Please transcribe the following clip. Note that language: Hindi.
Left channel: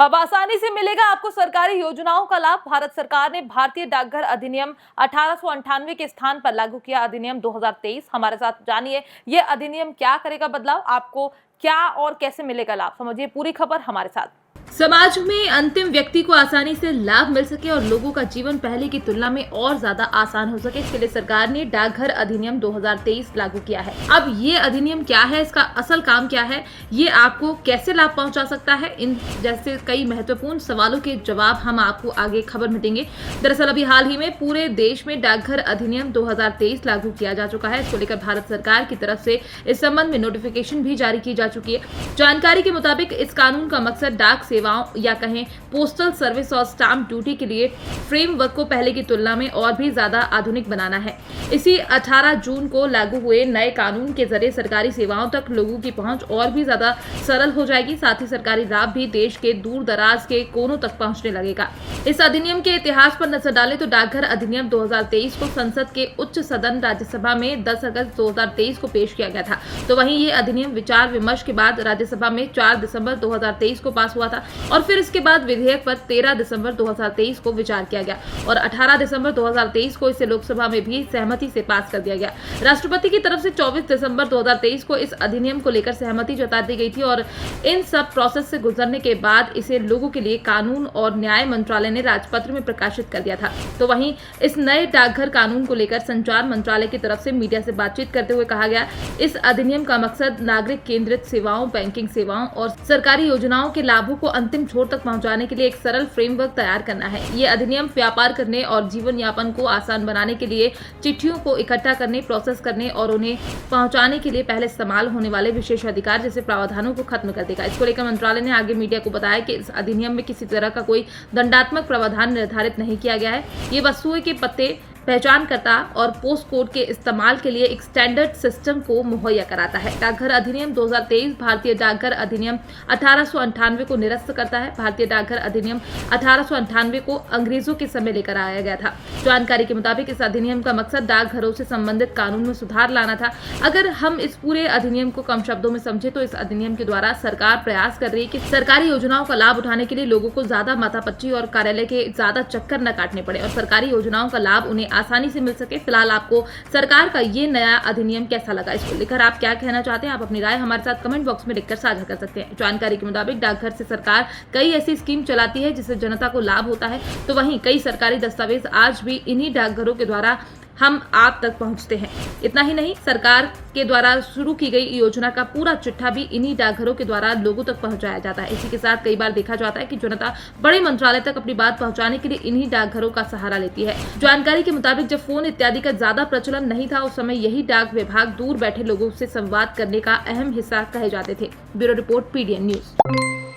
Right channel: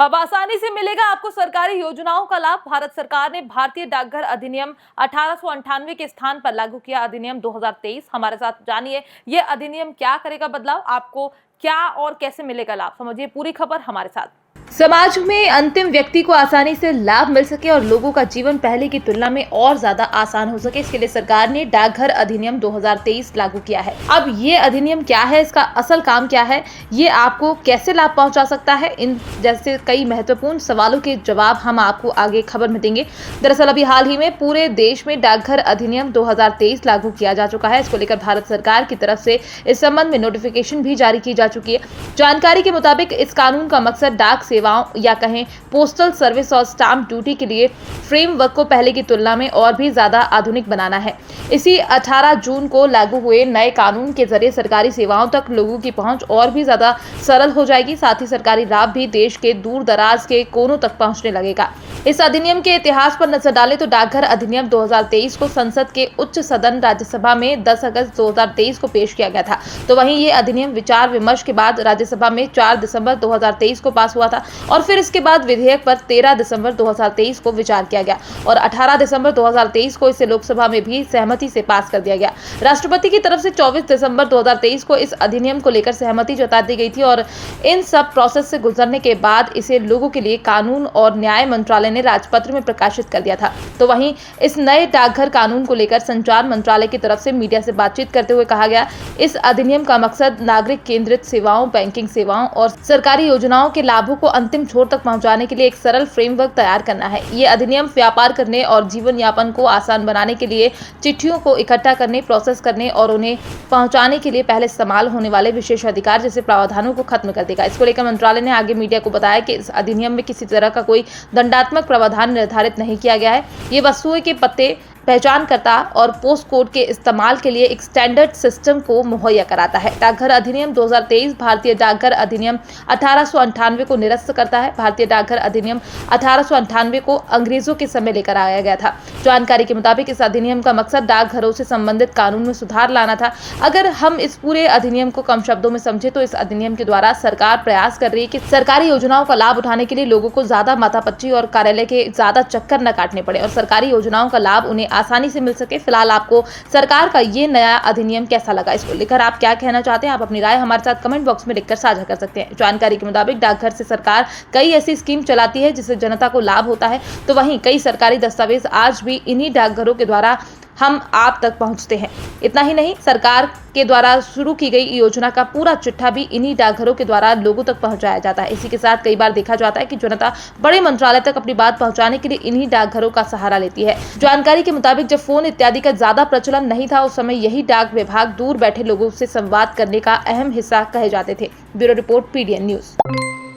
अब आसानी से मिलेगा आपको सरकारी योजनाओं का लाभ। भारत सरकार ने भारतीय डाकघर अधिनियम 1898 के स्थान पर लागू किया अधिनियम 2023। हमारे साथ जानिए ये अधिनियम क्या करेगा बदलाव, आपको क्या और कैसे मिलेगा लाभ, समझिए पूरी खबर हमारे साथ। समाज में अंतिम व्यक्ति को आसानी से लाभ मिल सके और लोगों का जीवन पहले की तुलना में और ज्यादा आसान हो सके, इसके लिए सरकार ने डाकघर अधिनियम 2023 लागू किया है। अब ये अधिनियम क्या है, इसका असल काम क्या है, ये आपको कैसे लाभ पहुंचा सकता है, इन जैसे कई महत्वपूर्ण सवालों के जवाब हम आपको आगे खबर में देंगे। दरअसल अभी हाल ही में पूरे देश में डाकघर अधिनियम 2023 लागू किया जा चुका है। इसको लेकर भारत सरकार की तरफ से इस संबंध में नोटिफिकेशन भी जारी की जा चुकी है। जानकारी के मुताबिक इस कानून का मकसद डाक सेवाओं या कहें पोस्टल सर्विस और स्टाम्प ड्यूटी के लिए फ्रेमवर्क को पहले की तुलना में और भी ज्यादा आधुनिक बनाना है। इसी 18 जून को लागू हुए नए कानून के जरिए सरकारी सेवाओं तक लोगों की पहुंच और भी ज्यादा सरल हो जाएगी। साथ ही सरकारी लाभ भी देश के दूर दराज के कोनों तक पहुंचने लगेगा। इस अधिनियम के इतिहास पर नजर डालें तो डाकघर अधिनियम 2023 को संसद के उच्च सदन राज्यसभा में 10 अगस्त 2023 को पेश किया गया था। तो वहीं ये अधिनियम विचार विमर्श के बाद राज्यसभा में 4 दिसंबर 2023 को पास हुआ था और फिर इसके बाद विधेयक पर 13 दिसंबर 2023 को विचार किया गया और 18 दिसंबर 2023 को इसे लोकसभा में भी सहमति से पास कर दिया गया। राष्ट्रपति की तरफ से 24 दिसंबर 2023 को इस अधिनियम को लेकर सहमति जता दी गई थी और इन सब प्रोसेस से गुजरने के बाद इसे लोगों के लिए कानून और न्याय मंत्रालय ने राजपत्र में प्रकाशित कर दिया था। तो वहीं इस नए डाकघर कानून को लेकर संचार मंत्रालय की तरफ से मीडिया से बातचीत करते हुए कहा गया, इस अधिनियम का मकसद नागरिक केंद्रित सेवाओं, बैंकिंग सेवाओं और सरकारी योजनाओं के लाभों को अंतिम छोर तक पहुंचाने के लिए एक सरल फ्रेमवर्क तैयार करना है। ये अधिनियम व्यापार करने और जीवन यापन को आसान बनाने के लिए चिट्ठियों को इकट्ठा करने, प्रोसेस करने और उन्हें पहुंचाने के लिए पहले इस्तेमाल होने वाले विशेष अधिकार जैसे प्रावधानों को खत्म कर देगा। इसको लेकर मंत्रालय ने आगे मीडिया को बताया कि इस अधिनियम में किसी तरह का कोई दंडात्मक प्रावधान निर्धारित नहीं किया गया है। ये वस्तुएं के पते, पहचानकर्ता और पोस्ट कोड के इस्तेमाल के लिए एक स्टैंडर्ड सिस्टम को मुहैया कराता है। डाकघर अधिनियम 2023 भारतीय डाकघर अधिनियम 1898 को निरस्त करता है। भारतीय डाकघर अधिनियम 1898 को अंग्रेजों के समय लेकर आया गया था। जानकारी के मुताबिक इस अधिनियम का मकसद डाकघरों से संबंधित कानून में सुधार लाना था। अगर हम इस पूरे अधिनियम को कम शब्दों में समझे तो इस अधिनियम के द्वारा सरकार प्रयास कर रही है कि सरकारी योजनाओं का लाभ उठाने के लिए लोगों को ज्यादा माथापच्ची और कार्यालय के ज्यादा चक्कर न काटने पड़े और सरकारी योजनाओं का लाभ उन्हें आसानी से मिल सके। फिलहाल आपको सरकार का ये नया अधिनियम कैसा लगा, इसको लेकर आप क्या कहना चाहते हैं, आप अपनी राय हमारे साथ कमेंट बॉक्स में लिखकर साझा कर सकते हैं। जानकारी के मुताबिक डाकघर से सरकार कई ऐसी स्कीम चलाती है जिससे जनता को लाभ होता है। तो वहीं कई सरकारी दस्तावेज आज भी इन्हीं डाकघरों के द्वारा हम आप तक पहुंचते हैं। इतना ही नहीं, सरकार के द्वारा शुरू की गई योजना का पूरा चिट्ठा भी इन्हीं डाकघरों के द्वारा लोगों तक पहुंचाया जाता है। इसी के साथ कई बार देखा जाता है कि जनता बड़े मंत्रालय तक अपनी बात पहुंचाने के लिए इन्हीं डाकघरों का सहारा लेती है। जानकारी के मुताबिक जब फोन इत्यादि का ज्यादा प्रचलन नहीं था, उस समय यही डाक विभाग दूर बैठे लोगों से संवाद करने का अहम हिस्सा कहे जाते थे। Bureau report, PDN news.